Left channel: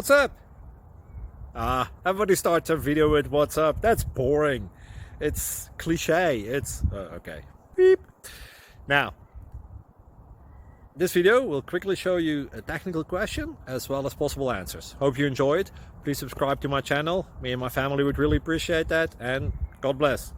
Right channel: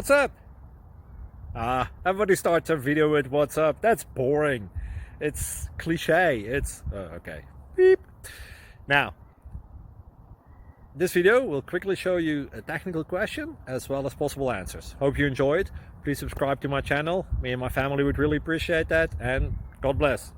What's up? Everybody starts a video with what's up. That's boring. It's cliche. It's okay. Beep. Now, this video will quickly show you a technical question as well as possible answers. Hope you enjoyed. Please subscribe to my channel. Me and my family would really appreciate that, and God bless.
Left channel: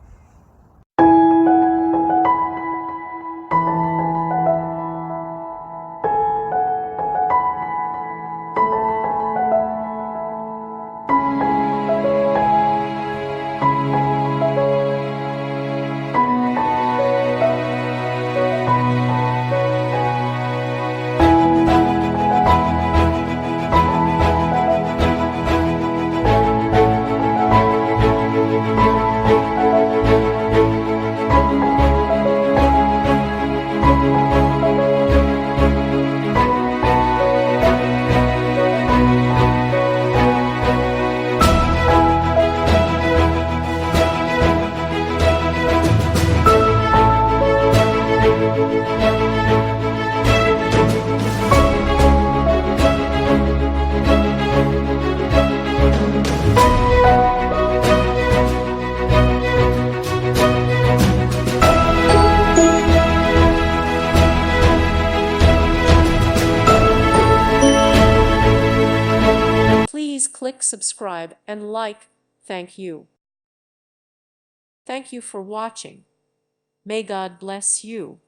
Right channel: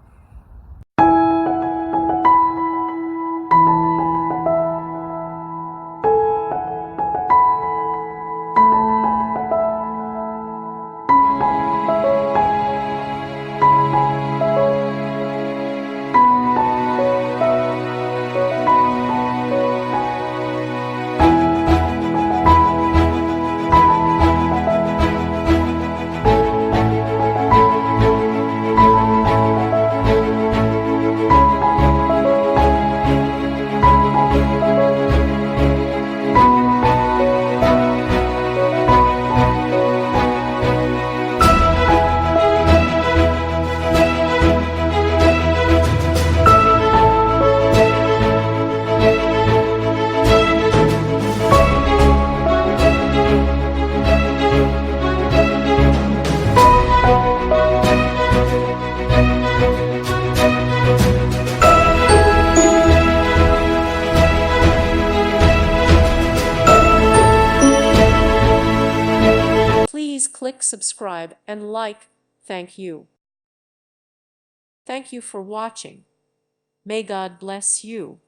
Please click subscribe and like. Thank you. Thank you for watching. May God bless you.